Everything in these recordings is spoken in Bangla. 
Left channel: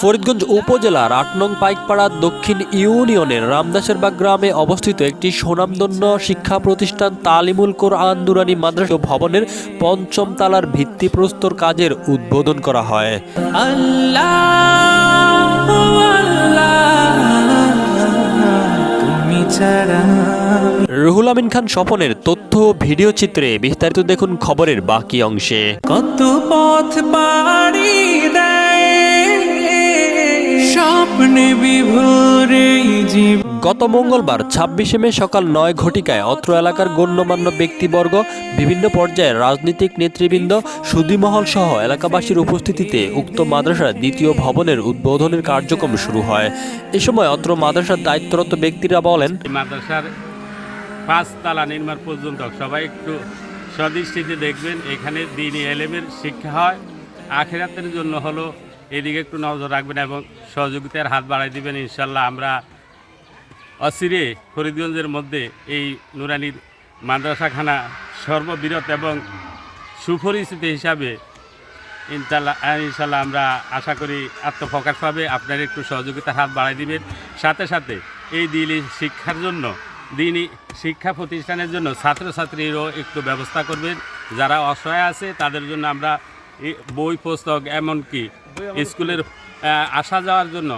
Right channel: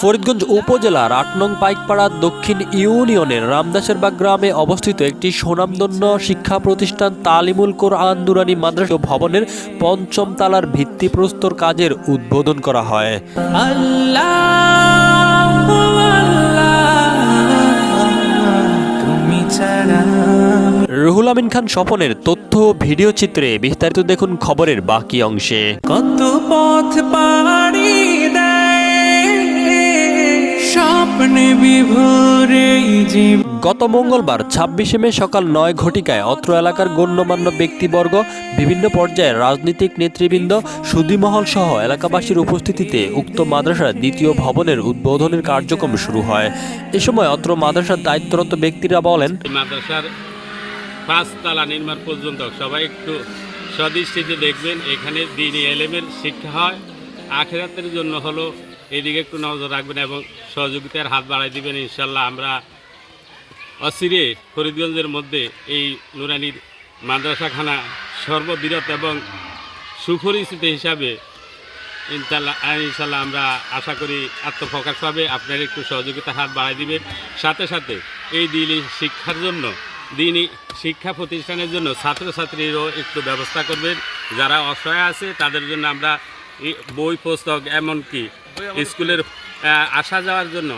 ফরিদগঞ্জ উপজেলার ৮ নং পাইকপাড়া দক্ষিণ ইউনিয়নের রামদাসেরবাগ গ্রামে অবস্থিত একটি সুনামধন্য শিক্ষা প্রতিষ্ঠান তালিমুল কোরআন নুরানী মাদ্রাসা ভবনের ৫ম তলার ভিত্তিপ্রস্তর কাজের উদ্বোধন করা হয়। রুহুল আমিন খান স্বপনের তথ্য ভিডিও চিত্রে বিস্তারিত দেখুন খবরের বাকি অংশে। কত পথ পাড়ি দেয় স্বপ্নে বিভোরে জীব। গত মঙ্গলবার ২৬শে মে সকাল ৯ ঘটিকায় অত্র এলাকার গণ্যমান্য ব্যক্তিবর্গ, বিভিন্ন পর্যায়ের রাজনৈতিক নেতৃবৃন্দ, সুধীমহল সহ এলাকাবাসীর উপস্থিতিতে উক্ত মাদ্রাসার দ্বিতীয় ভবনের উদ্বোধনের কার্যক্রম শুরু হয়। এ সময় অত্র মাদ্রাসার দায়িত্বরত ব্যক্তিরা বলেন, মাদ্রাসার ৫ তলা নির্মাণ পর্যন্ত সবাই একটু সদৃষ্টিতে দেখবেন। এখানে দ্বীনি এলেমের শিক্ষা হয়, আখিরাতের জন্য হলো এদিকে একটু নজর রাখবেন এবং সহযোগিতার হাত বাড়াই দিবেন। ইনশাল্লাহ আমরা অচিরে ফরিদগঞ্জের মধ্যে এই নুরানির মাদ্রাসাখানা সর্ববৃহৎ এবং সুপরিচিত হিসাবে ইনশাল্লাহ আমরা আশা করি আত্মপ্রকাশ পাবে। আপনারা একটু সহযোগিতার হাত বাড়াই দিবেন। সাথে সাথে এই দিনী শিক্ষার জন্য, দিনী শিক্ষা প্রতিষ্ঠানের জন্য ছাত্রছাত্রীরও একটু ব্যবস্থা করবেন। যারা অসহায় আছে তাদের জন্য আমরা বই পুস্তক এমনকি স্কুলের আসা যাওয়ার জন্য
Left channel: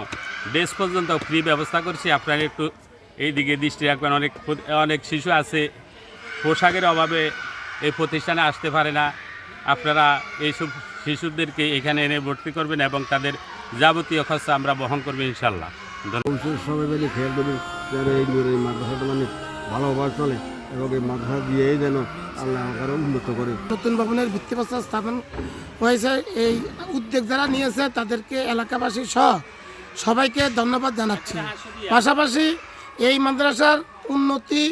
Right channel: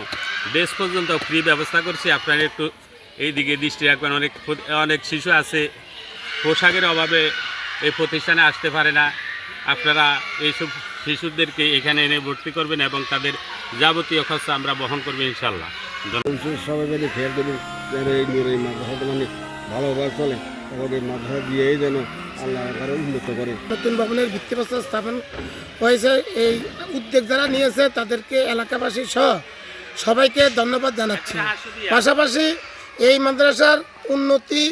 ড্রেস পর্যন্ত ফ্রি ব্যবস্থা করছি। আপনারা একটু এই দিকে দৃষ্টি রাখবেন। অনেক শিশু আছে পোশাকের অভাবে এই প্রতিষ্ঠানে আসতে পারে না। আপনারা এইসব শিশুদেরকে এখানে এনে ভর্তি করবেন এবং তাদের যাবতীয় খরচ আমরা বহন করবো ইনশাল্লাহ। সবাই মিলে খেয়াল করবেন যেন এই মাদ্রাসাটা মানে ভালোভাবে চলে এবং এই মাদ্রাসা দিয়েই যেন আল্লাহ আরও উন্নত করে। নতুন ভবনের ভিত্তিপ্রস্তর স্থাপন হয়েছে। এই উদ্যোগ যারা নিয়েছে তাদেরকে এলাকাবাসী সহ সবাইকে ধন্যবাদ জানাচ্ছি। পাশাপাশি এই মাদ্রাসার উন্নতি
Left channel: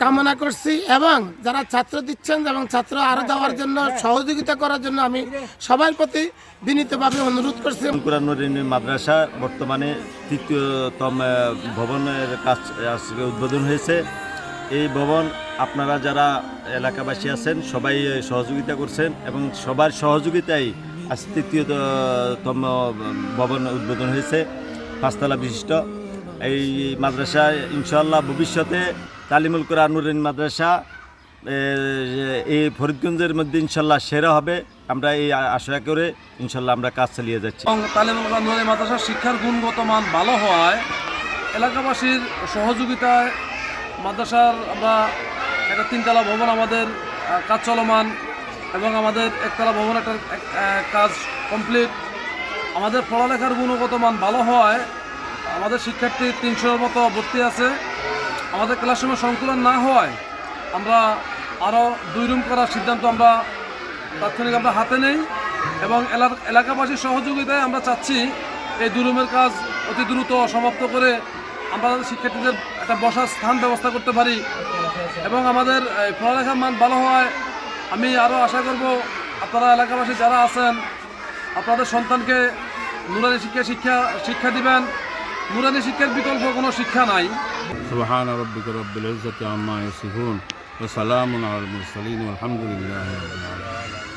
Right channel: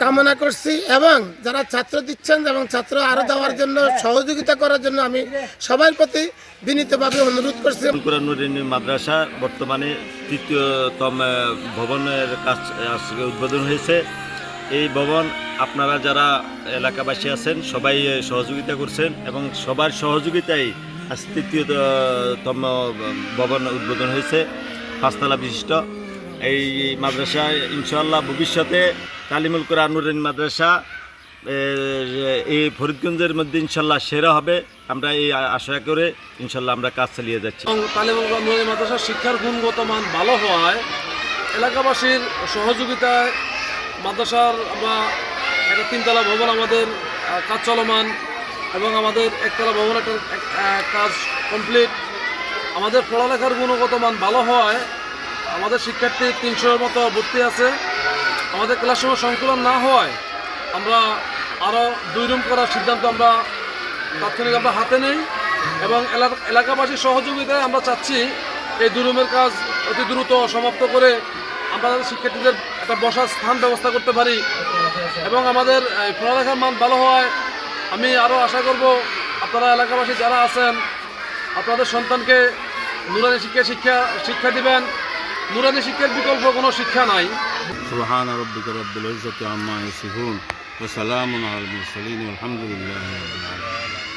কামনা করছি এবং যারা ছাত্র দিচ্ছেন এবং ছাত্র আরও দেওয়ার জন্য সহযোগিতা করার জন্য আমি সবার প্রতি বিনীতভাবে অনুরোধ করছি। কোরআন নুরানী মাদ্রাসা বর্তমানে ৩য়তম ভবনের কাজ উদ্বোধন হয়েছে। এই ভবন আপনারা যারা এলাকাবাসী আছেন সবাই সহযোগিতা করছেন এবং সবার সহযোগিতায় আজ ৩য়তম ভবন উদ্বোধন হয়েছে, ৫ তলা বিশিষ্ট। এই মাদ্রাসা ইনশাআল্লাহ ভবিষ্যতে তালিমুল কোরআন নুরানী মাদ্রাসা এই ফরিদগঞ্জের মধ্যে ইনশাল্লাহ সেরা হবে। আমরা এই আশা করে ইনশাল্লাহ আমরা কাজ চালিয়ে যাচ্ছি। এবং তালিমুল কোরআন নুরানী মাদ্রাসার শিক্ষার গুণগত মান ভালো হওয়ায় এলাকাবাসীর সহযোগিতায় মাদ্রাসার আমরা একটা 3তলা ভবন আমাদের কাজ চলমান এবং আমাদের 1তলা ভবন একটা কাজ কমপ্লিট। আমাদের পড়ালেখার গুণগত মান ভালো হওয়ায় আমাদের শিক্ষার্থী 300-এর মতো ভর্তি আছে। আমাদের ক্লাসরুমের সংকুলন না হওয়ায় আমরা আরও 2 রুম করার সিদ্ধান্ত আমরা তাৎক্ষণিক হাতে নেই এবং এলাকাবাসীর সহযোগিতায় আমরা চাচ্ছি এই 2 রুমের কাজ অতি দ্রুত সমাপ্ত করে আমরা শিক্ষার্থীদের একটা বসার স্থান ব্যবস্থা করতে পারি এবং আমাদের পড়ালেখার মান ভালো হয়। আমি আরও আশা করব আপনারা এলাকাবাসী যারা আছেন আপনাদের সন্তানকে নুরানী শিক্ষা দিবেন। নুরানী শিক্ষার বিকল্প কোনো শিক্ষা নাই। সুবহান রাব্বিকা রাব্বিল ইজ্জাতি আম্মা ইয়াসিফুন ওয়া সালামুন আলাল মুরসালিন ওয়া আলহামদুলিল্লাহি রাব্বিল আলামিন।